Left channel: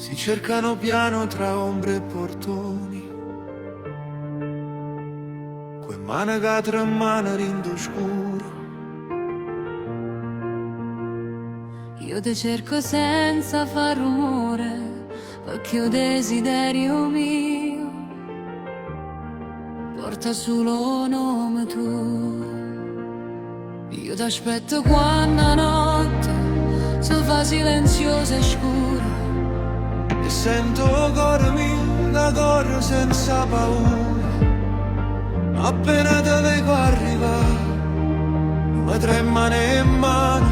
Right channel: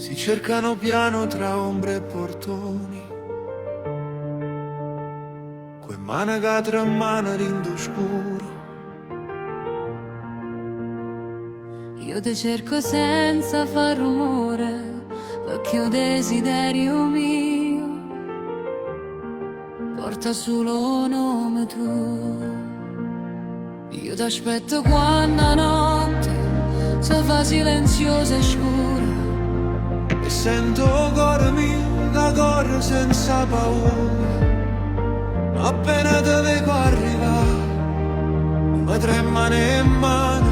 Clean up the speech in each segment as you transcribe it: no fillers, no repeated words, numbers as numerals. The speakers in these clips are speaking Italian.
si cercano piano tra ombre e portoni, quei mani che tra mano rindo scuro. Io ti cerco senza far rumore, perché ho desiderio mio porta solo nome tuo. Io ti aspetto quando la notte si fa silenziosa e scura, E sento il cuore mio che corre senza paura. Ma appena te vedo arrivare, mi tremano in mano,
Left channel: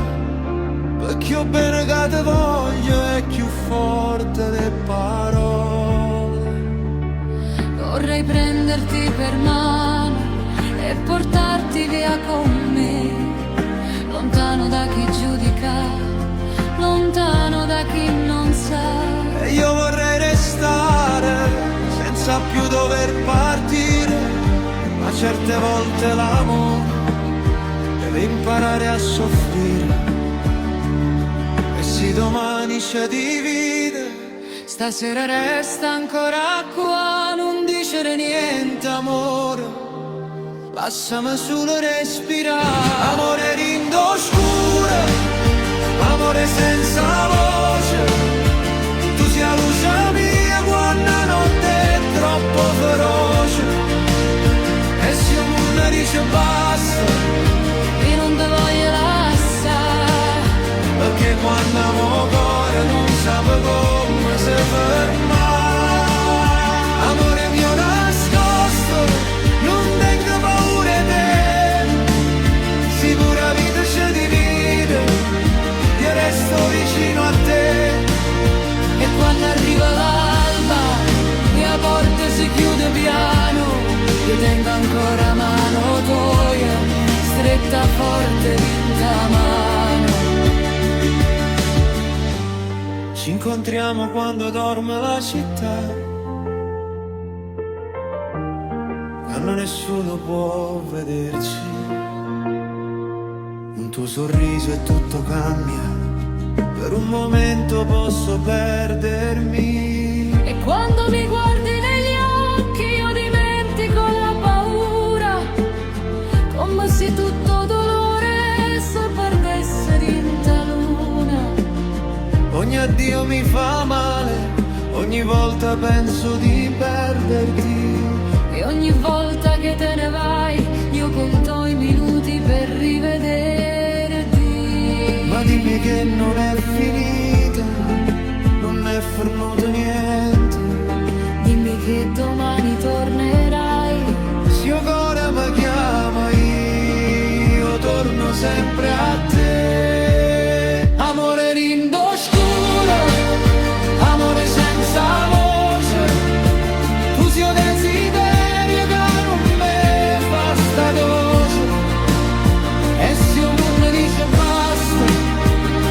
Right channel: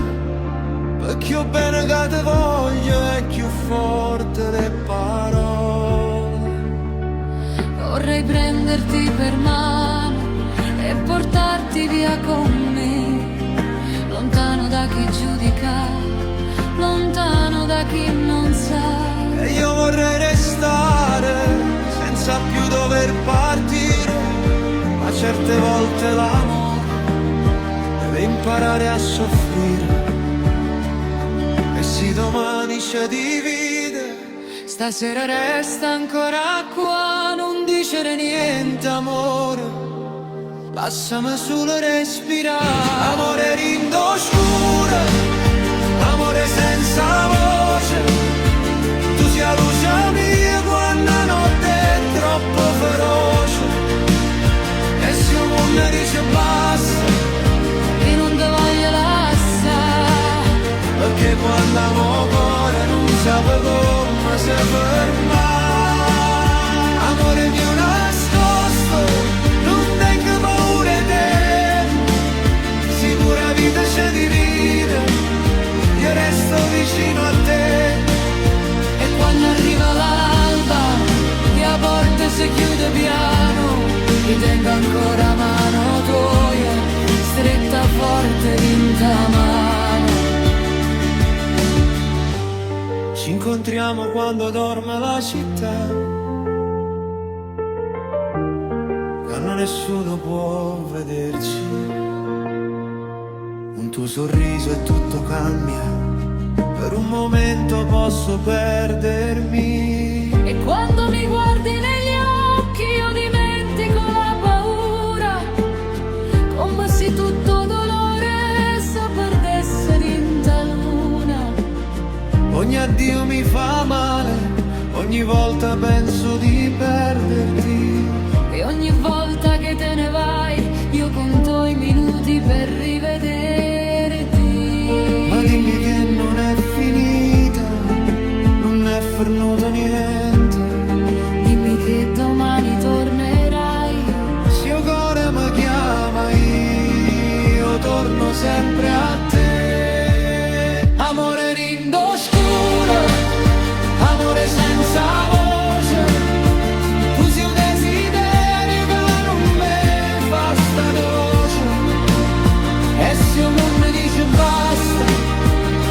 perché io bene che te voglio è più forte le parole. vorrei prenderti per mano e portarti via con me, lontano da chi giudica, lontano da chi non sa. E io vorrei restare senza più dover partire, ma certe volte l'amore deve imparare a soffrire. E se domani ci divide, Stasera resta ancora qua, non dicere niente amore, lasciami solo respirare. Amore rindo scuro, amore senza voce, tu sia la luce mia quando la notte è troppo feroce. E se il mondo dice basta, io non ti voglio lasciare, perché quando amo cuore non sape come si ferma. Amore mio nascosto, non tengo paura di te, se pure la vita ci divide, io resto vicino a te. e quando arriva l'alba e la porta si chiude piano, io tengo ancora mano tua, stretta forte in ta mano. Ci incontriamo quando dorme la città, quando nessuno può vederci. Un tuo sorriso e tutto cambia, per un momento posso perdermi. E quando mi guardi negli occhi io dimentico la paura, come se tutto dolore si perdesse in ta luna. Ogni addio mi fa male, ogni volta penso di perderti. E ogni volta che te ne vai io conto i minuti per rivederti. Ma dimmi che non è finita, non è fermato niente. Dimmi che domani tornerai, Se il cuore mi chiama io torno sempre a te. Amore rindo scuro, amore senza voce, tu sei un desiderio che non mi fa sta doce. E se il mondo dice basta,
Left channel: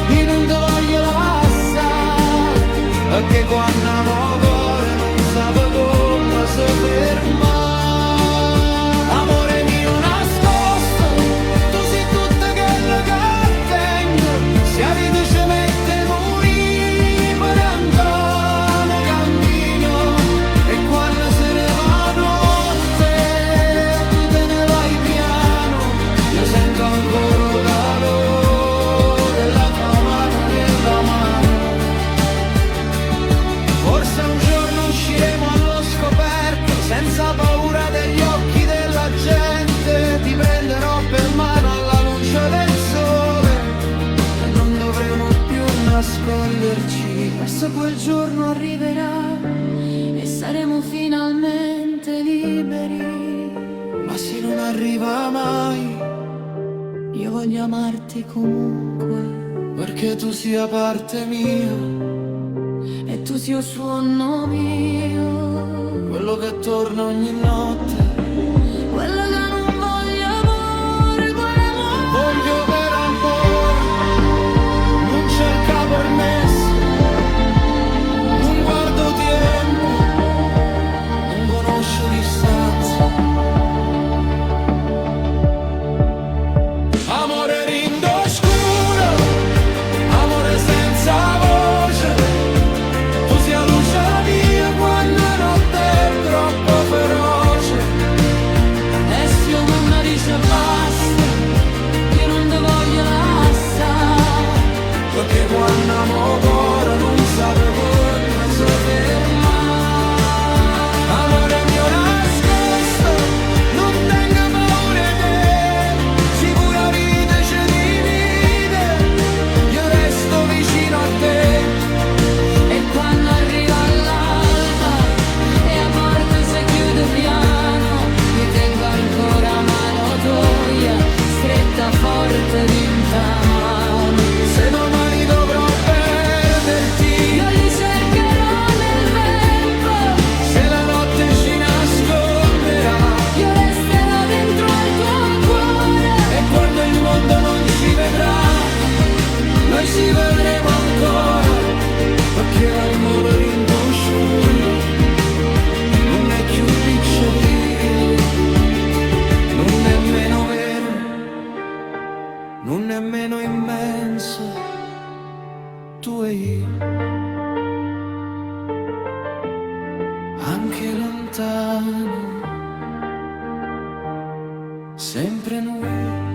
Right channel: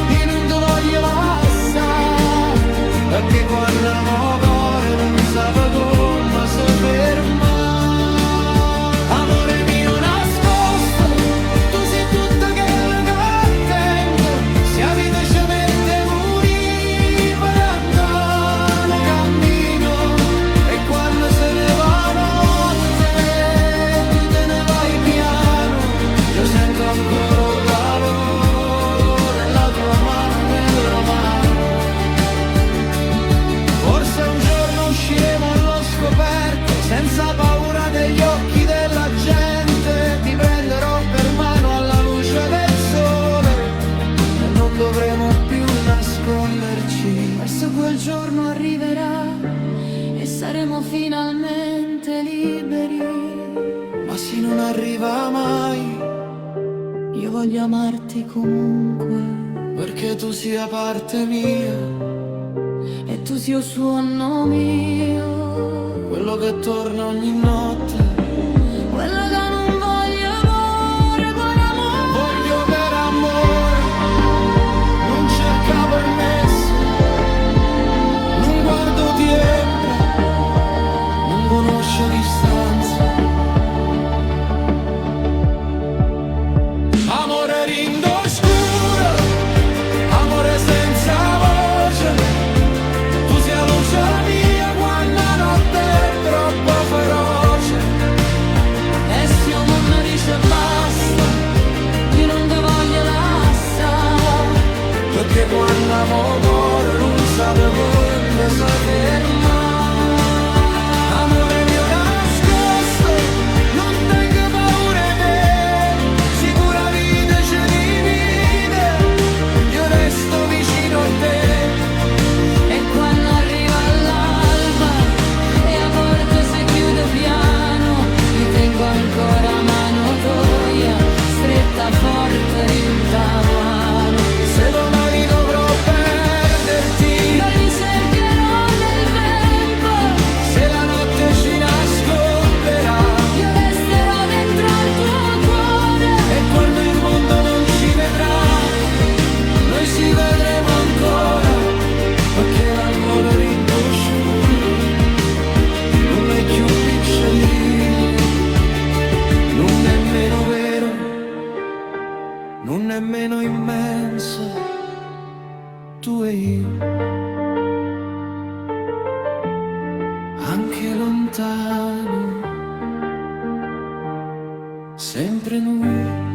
io non ti voglio lasciare, perché quando amo cuore non sape come si ferma. Amore mio nascosto, tu sei tutto quello che tengo, se la vita ci mette morire per andare cammino. E quando se ne va notte, tu te ne vai piano, io sento ancora il calore della tua mano nella mano. Forse un giorno usciremo allo scoperto, senza paura degli occhi della gente. Ti prenderò per mano alla luce del sole e non dovremo più nasconderci. verso quel giorno arriverà e saremo finalmente liberi. Ma se non arriva mai, Io voglio amarti comunque, perché tu sia parte mia, e tu sia il suono mio, quello che torna ogni notte. quello che non voglio amore, quell'amore. Voglio per amore, non cerca permesso, non guardo tempo, non conosce distanza. Amore rindo scuro, amore senza voce, tu sei zio Munna dice basta, io non te voglio lasciare, perché quando amo cuore non sape come si ferma. Amore mio nascosto, non tengo paura di te, se pure la vita ci divide, io resto vicino a te. e quando arriva l'alba e la porta si chiude piano, io tengo ancora mano tua, stretta forte in ta mano. Se domani dovrò perderti, Io li cercherò nel vento, se la notte ci nasconderà, io resterò dentro al tuo cuore. e quando il mondo non ci vedrà, noi ci vedremo ancora, perché l'amore rinto scuro non è più picciolino, non è meno vero, non è meno immenso, tu e io, anche lontano, sempre noi.